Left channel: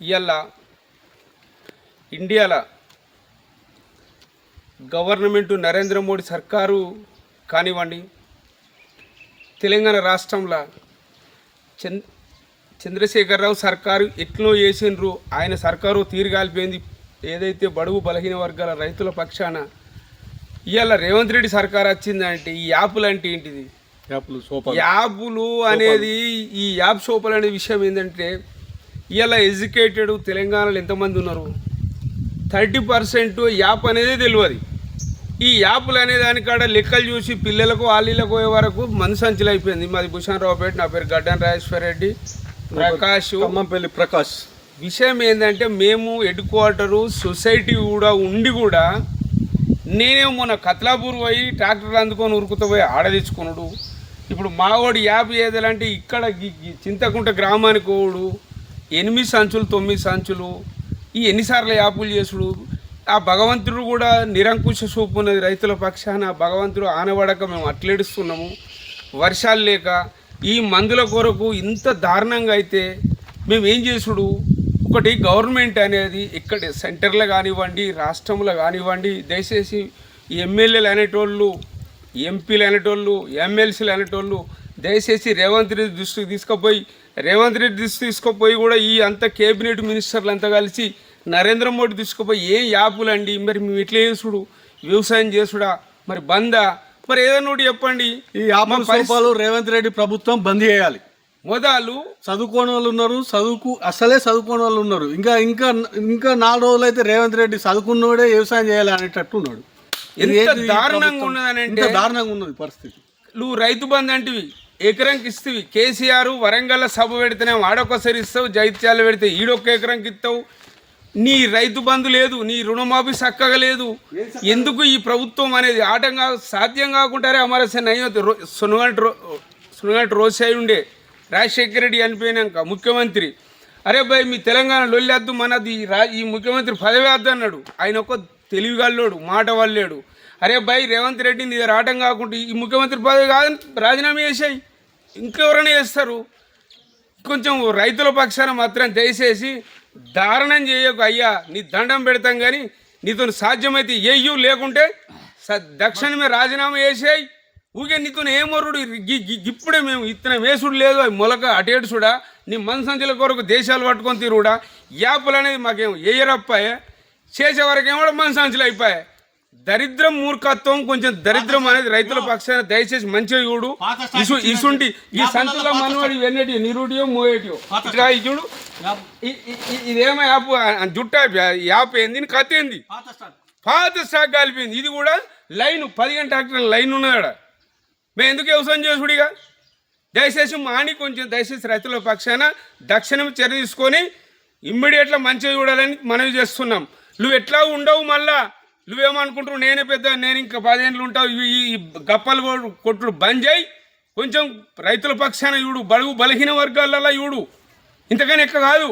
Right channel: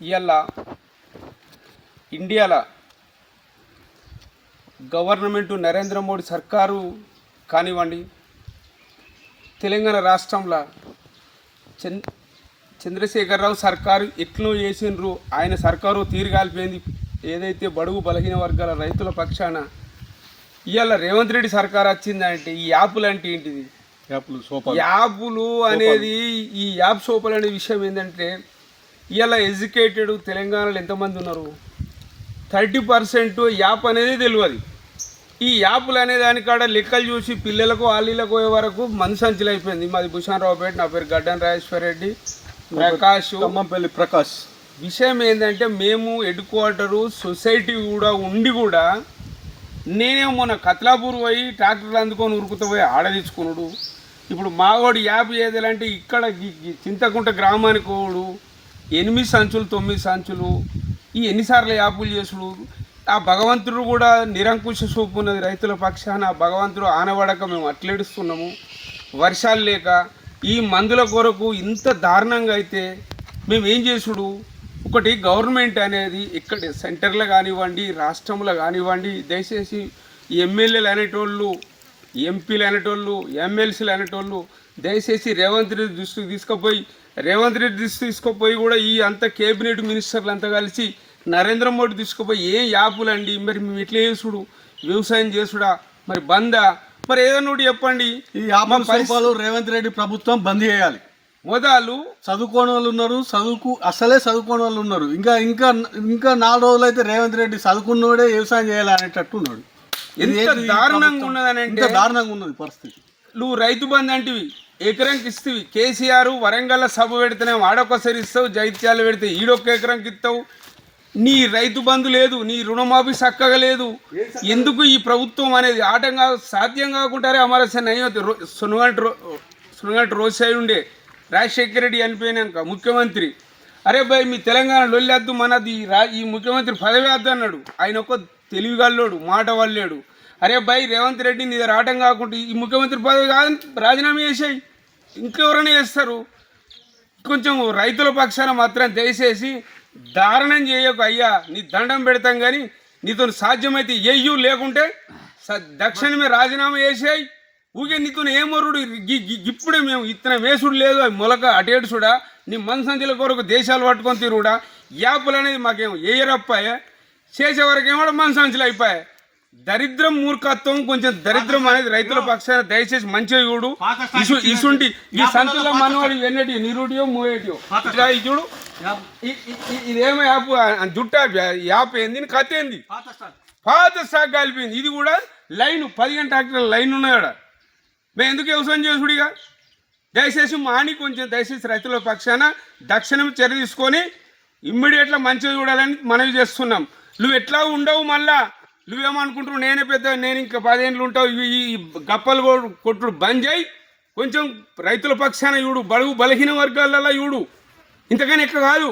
ఇవాళ ఇండియాలో గవర్నమెంటు నరేంద్ర మోడీ సర్కారు కానివ్వండి, తెలంగాణ రాష్ట్రంలో చంద్రశేఖరరావు సర్కారు ఎట్లా చేసిండ్రు, ఆయన సర్కారు తీరుగాలిపోయింది. ఏదైతే బడుగు బలహీన వర్గాల రైతుల పక్షాన ఇవాళ రేవంత్ రెడ్డి సర్కారు వచ్చిందంటే ఈ యాప్లు అంటే ఏంటిది? యాప్లు అనేది ఈ యాప్ సోపలు అనే విషయం ఏంటంటే ఇవాళ ఎడ్యుకేటెడ్ తెలంగాణలో ఎంతమంది ఉన్నారు? 30% యాప్ అనేది తెలియదు. ఈ యాప్లు అనే దానికాడ లెక్కలు చూసి పిల్లలకు ఆలీలకు పోయే వరకు మనసంచులు అయిపోయింది. మాది భూషణరావుపేట, నా పేరు గడ్డన్ రాజేశ్వర్ రెడ్డి, ఖమ్మంపల్లి ప్రకాష్. విషయం ఏంటంటే మేము హెడ్ క్వార్టరు సొసైటీ కూడా ఉండి కూడా నేనేమో మొన్న కత్లాపూర్ పోయి ట్రాక్టర్లు అందుకొని ఉరుకుతూ పోయి ఆడదీసుకున్నాడు. ఇప్పుడు మావాడు యాప్ చేయాలంటే ఇక్కడ చింతకుంట గ్రామానికి పోడు 8 సంచులు 9 సంచులు ఈ ఎన్నిసార్లు యాపులు చేసుడు. ఆ భగవంతుడు కూడా నిరంకుశ చూపు ఉన్నది రైతుల పక్షాన. ఆ భగవంతుడు ఆనబడక మేము అట్లేడుస్తున్నాము. వర్షాలు లేక ఈ మందుల కొరకు ఇంత దారుణంగా అయితే మేము ఏం చేసుడు? ఒకటి గవర్నమెంట్ అనేది ఇక్కడ సెంటర్లో కానివ్వండి, రాష్ట్రంలో కానివ్వండి, దయచేసి ఎమ్మెల్యేలు అనేటోళ్ళు, ఎంపీలు అనేటోళ్ళు, ఎమ్మెల్సీలు అనేటోళ్ళు దయచేసి రేవంత్ రెడ్డి దృష్టికి తీసుకుపోయి కూడా ఈ అంత కేబినెట్ మినిస్టర్లు అంతా కలిసి నరేంద్ర మోడీ తీసుకుపోయి ఏం యాపులండి, మరి మేము ఇట్లా చేసుడు, వ్యవసాయం చేసుడా, మరి బందా, మరి ఏదన్నా ఒకటి చెప్పండి. ఈ యాపలు రేవంత్ రెడ్డి ప్రభుత్వం బంద్ చేయాలి. మొదలు చదువుకోని వాళ్ళు ఉన్నారు, అసలే చదువుకోని వాళ్ళు ఉన్నారు. ఇంకా ఇంకా ఇంకా 4 రోజులు అయితే రేవంత్ రెడ్డి చదువుకున్నోడే వ్యవసాయం చేయాలి అనేటట్టు ఉన్నాడు. ఎంత దారుణంగా ఉన్నదనంటే దారుణంగా ఉన్నది పరిస్థితి. నువ్వు రైతు బంధు అంటివి, ఎకరంకి ఇస్తవి. కేసీఆర్ వరంగల్ సభ పెడితేనే వాడొకసారి ఇస్తావు, జైత్యాలు పెడితే ఈడొక్క ఎకరంకి ఇస్తావు. నీ రైతు బంధు లేదు, నీ రుణమాఫీ చక్కగా లేదు. ఎందుకు ఈ ప్రభుత్వం అనేది ఆటంగా సాధ్యం కాకుంటారే అమరసేన సునగంట రోసాయి ఉండే రాజశేఖర రెడ్డి చనిపోయినాక ముఖ్యమంత్రి, అరే భయ్ మీ తెలంగాణ లొల్లేద్దు, మనది ఈ ముఖ్యమంత్రి పదవి వద్దు అన్నాడు. ఆయన ఒక తెలివిగాళ్ళోడు, మాట వాళ్ళేడు. అరే భయ్ రేవంత్ రెడ్డి నీ దగ్గర ఆటం కాకుండా ఈ ముఖ్యమంత్రి పదవి కాదని రాజీనామా చేసాయి. ఇంకెవరైనా చేస్తారు. కొంచెం రైతుల పక్షాన మాత్రం దయచేసి దారుణం చేయకు అయ్యా, నీ దండం పెడతాం కానీ నీతో సాధ్యమైతే ఏయ్యూ, లేకుంటే దక్షిణమే రాజీనామా చేసాయి. ఊకే నీతో ఏమరుడు ఇప్పుడే మేము ఇత్తనం వేసుడు లేదు, అవి మొలక అటేడుసుడా, నీ మనసంచుల కొరకు దేశాలు పట్టుకొని తిరుగుడా. యాప్లు అనేది మాకేమో ఏయరప్పాయే, చేసే వరకేమో మనసంచులు అయిపోయాయి. దరిద్రం, మూర్ఖత్వం, కొంచెం దరిద్రం అనేది రైతుల పక్షాన దయచేసి మంచిగా చూడు. ఇసుంటి ఈ సంతుల మనవాడి వెన్నటి నిరుడియో మూయేటియో ఇట్లా చూడు. ఇదేమో యాప్ జుట్ట యాప్ ఏంది, కథ ఏంది, పాత స్టాక్ కాలిపోయింది. ఇది కూడా లైన్ 15 ట్రాక్టర్ల లైన్ ఉన్నాడు. మేము ఎందుకు వ్యవసాయం చేసుడిగా? దయచేసి మాని కొంచెం దయచేసి రైతుల పక్షాన దక్షిణం చర్య తీసుకొని ఇమ్మీడియట్గా మంచిగా చూడాలని మనవి చేస్తున్నాం. నువ్వు ఎట్లా ఉండవు, మళ్ళా నువ్వేమనుకుంటున్నావు నేనే పెద్ద, నేను ఇంకా 10 ఏళ్ళు ఉంటావు, ఈ గప్పలు కొట్టుడు బంద్ చేయి. కొంచెం రైతుల పక్షాన చూడు, బడుగు బలహీన వర్గాలలో చూడు. ఇంతకైనా ఎక్క కాదు.